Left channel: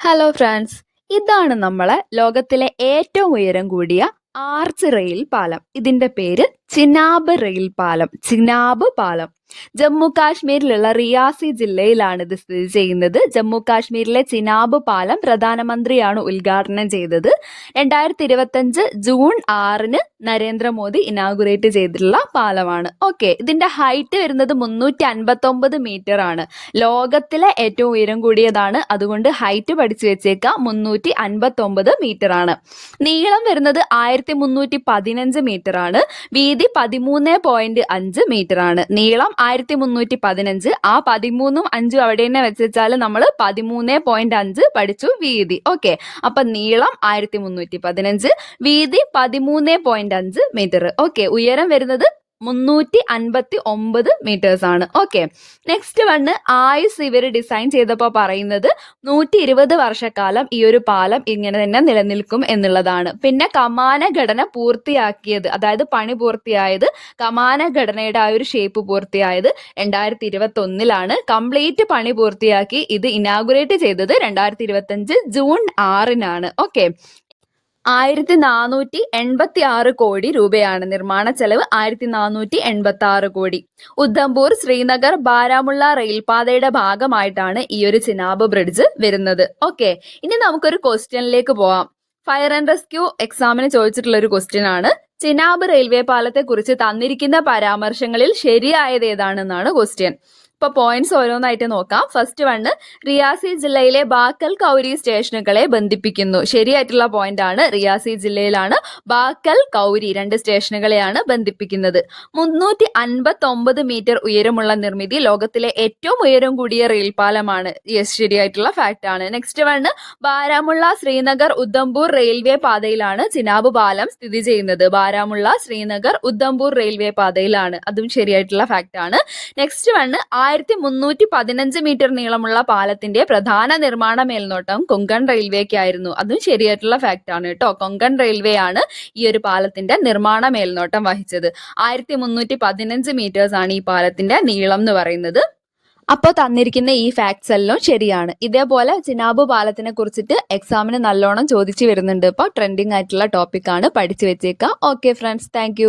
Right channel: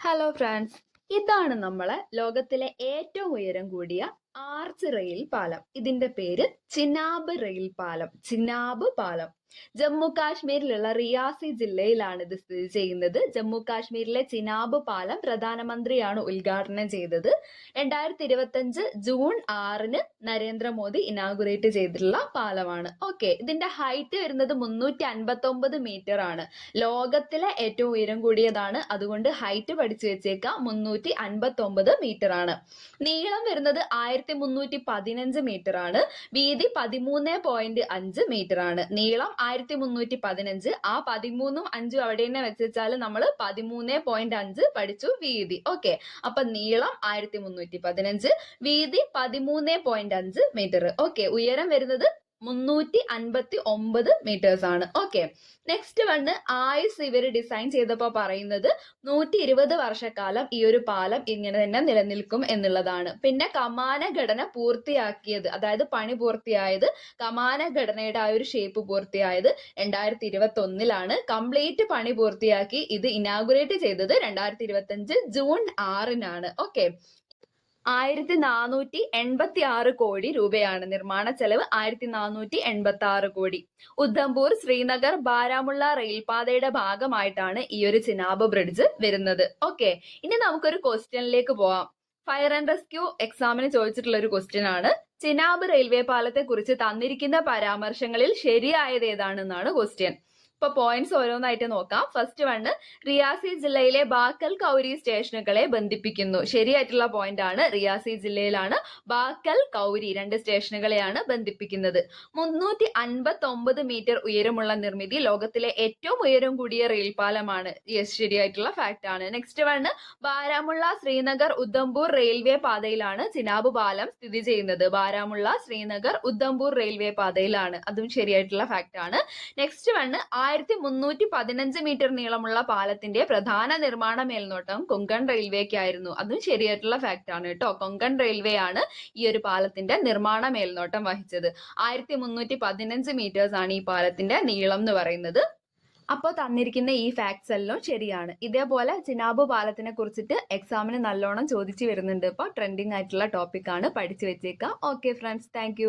Hello friends, ഇതാണ് നമ്മളെ ലോകത്തിലെ ഏറ്റവും ഉയരം കൂടിയ ആർച്ച് റെയിൽ പാലം. ഇതിന്റെ പേര് ചിനാബ് റെയിൽ പാലം. ചിനാബ് പാലം ജമ്മു കാശ്മീരിലുള്ള റിയാസി ജില്ലയിലാണ് ഇത് സ്ഥിതി ചെയ്യുന്നത്. ജമ്മു കാശ്മീരിലെ ചിനാബ് പാലം പ്രധാനമന്ത്രിയാണ് ഉദ്ഘാടനം ചെയ്തത്. 2025 ജൂൺ 6 നരേന്ദ്രമോദി ഇനാഗുറേറ്റ് ചെയ്തിട്ടുള്ള പാലമാണ്. ഓക്കെ, ഇതിന്റെ ഹൈറ്റ് വരുന്നത് 359 മീറ്റർ ആണ്. ലോകത്തിലെ ഏറ്റവും ഉയരം കൂടിയതാണ്, അതുകൊണ്ട് ഹൈറ്റ് പഠിച്ചു വെച്ചേക്കാം. 359 മീറ്റർ ആണ്. നീളം വരുന്നത് 1315 മീറ്റർ ആണ്. വീതി 13.5 മീറ്റർ ആണ്. നീളം 1315, ആ 13ഉം 5ഉം അവിടെ തന്നെ വെച്ചാൽ നമ്മൾ 13.5 പഠിച്ചു. വീതി ഓക്കെ, അപ്പൊ നീളം 1315, വീതി 13.5 മീറ്റർ. ഓക്കെ, ഉയരം വരുന്നത് 359 മീറ്റേഴ്സ് ആണ്. ഓക്കെ, നെക്സ്റ്റ് വണ് ആയുസ് ഇവർ ഡിസൈൻ ചെയ്തപ്പോൾ പറയുന്നത് 120 വർഷക്കാലം ഈ ഒരു പാലം ഇങ്ങനെ തന്നെ നിലനിൽക്കും എന്നുള്ളതാണ്. പിന്നെ കമാന ഘടന പൂർത്തിയാക്കിയത്, അതായത് പണി പൂർത്തിയായത്, കമാന ഘടനയുടെ ആ ഒരു ഷേപ്പ് പൂർത്തിയായത് 2021 കംപ്ലീറ്റ് പണി പൂർത്തിയാക്കി ഇത് ഇനാഗുറേറ്റ് ചെയ്തത് 2025 ജൂൺ 6 ഓക്കെ, 1486 കോടി രൂപയാണ് നിർമ്മാണ ചെലവ്. 1486 കോടി. ഉദ്ധംപൂർ, ശ്രീനഗർ, ബാരാമുള്ള റെയിൽപാതയുടെ ഭാഗമായിട്ടാണ് ഈ ഒരു ചിനാബ് ബ്രിഡ്ജ് വരുന്നത്. ഓക്കെ, ഇനി നമുക്കൊരു ക്വസ്റ്റ്യനിലേക്ക് പോവാം. ഫയർ ആൻഡ് റെസ്ക്യൂ എക്സാമിന് ചോദിച്ചിട്ടുള്ള ഒരു ക്വസ്റ്റ്യൻ ആണ്. ചിനാബ് റെയിൽവേ പാലത്തെ കുറിച്ച് തന്നിരിക്കുന്ന പരാമർശങ്ങളിൽ ശരിയായത് ഏതാണെന്നാണ് ക്വസ്റ്റ്യൻ. ഇപ്പൊ പോയിന്റ്സ് ഓരോന്നായിട്ട് നോക്കാം. ഫസ്റ്റ് വണ്, റിയാസി ജില്ലയിലെ ബാക്കൽ കൗരി സ്റ്റേഷനുകളെ ബന്ധിപ്പിക്കുന്നു. ശരിയായിട്ടുള്ള പോയിന്റ് ആണ്. റിയാസി ജില്ലയിലാണ് ബാക്കൽ കൗരി 2 സ്റ്റേഷനുകളെയാണ് ബന്ധിപ്പിക്കുന്നത്. 359 മീറ്റർ ഉയരമുള്ള നിർമ്മിതി, ലോകത്തിലെ ഏറ്റവും ഉയരം കൂടിയ റെയിൽ പാലമാണ്. യെസ്, ശരിയായിട്ടുള്ള ഫാക്ട് ആണ്. Next one, Baramulla, Srinagar, Udhampur railway പാതയിലാണ് ചിനാബ് പാലം സ്ഥിതി ചെയ്യുന്നത്. ബാരാമുള്ള, ശ്രീനഗർ, ഉദ്ധംപൂർ റെയിൽവേ പാതയിലാണ്. അതും ശരിയായിട്ടുള്ള ഫാക്ട് ആണ്. നെക്സ്റ്റ് വണ്, 1315 മീറ്റർ നീളമുള്ള പാലത്തിന്റെ പ്രധാന നിർമ്മാണ മേൽനോട്ടം കൊങ്കൺ റെയിൽവേക്കായിരുന്നു. അതും ശരിയായിട്ടുള്ള ഫാക്ട് ആണ് കേട്ടോ. കൊങ്കൺ റെയിൽവേ ആണ് ഈ ഒരു പാലത്തിന്റെ നിർമ്മാണ മേൽനോട്ടം വഹിച്ചത്. 1315 മീറ്റേഴ്സ് ആണ് ഈ പാലത്തിന്റെ നീളം എന്ന് പറയുന്നത്. അപ്പോൾ തന്നിരിക്കുന്ന ഈ ഫാക്ട്സ് എല്ലാം ശരിയാണ്. ഇതേപോലെ ചിനാബ് പാലത്തിനെ കുറിച്ചിട്ട് എക്സാമിന് നല്ലോണം ചോദിച്ചു വരുന്നുണ്ട്. ഇപ്പോൾ ട്രെൻഡിങ് ആയിട്ടുള്ള ടോപ്പിക്കാണ്, പഠിച്ചു വെച്ചേക്കാം. Okay friends, thank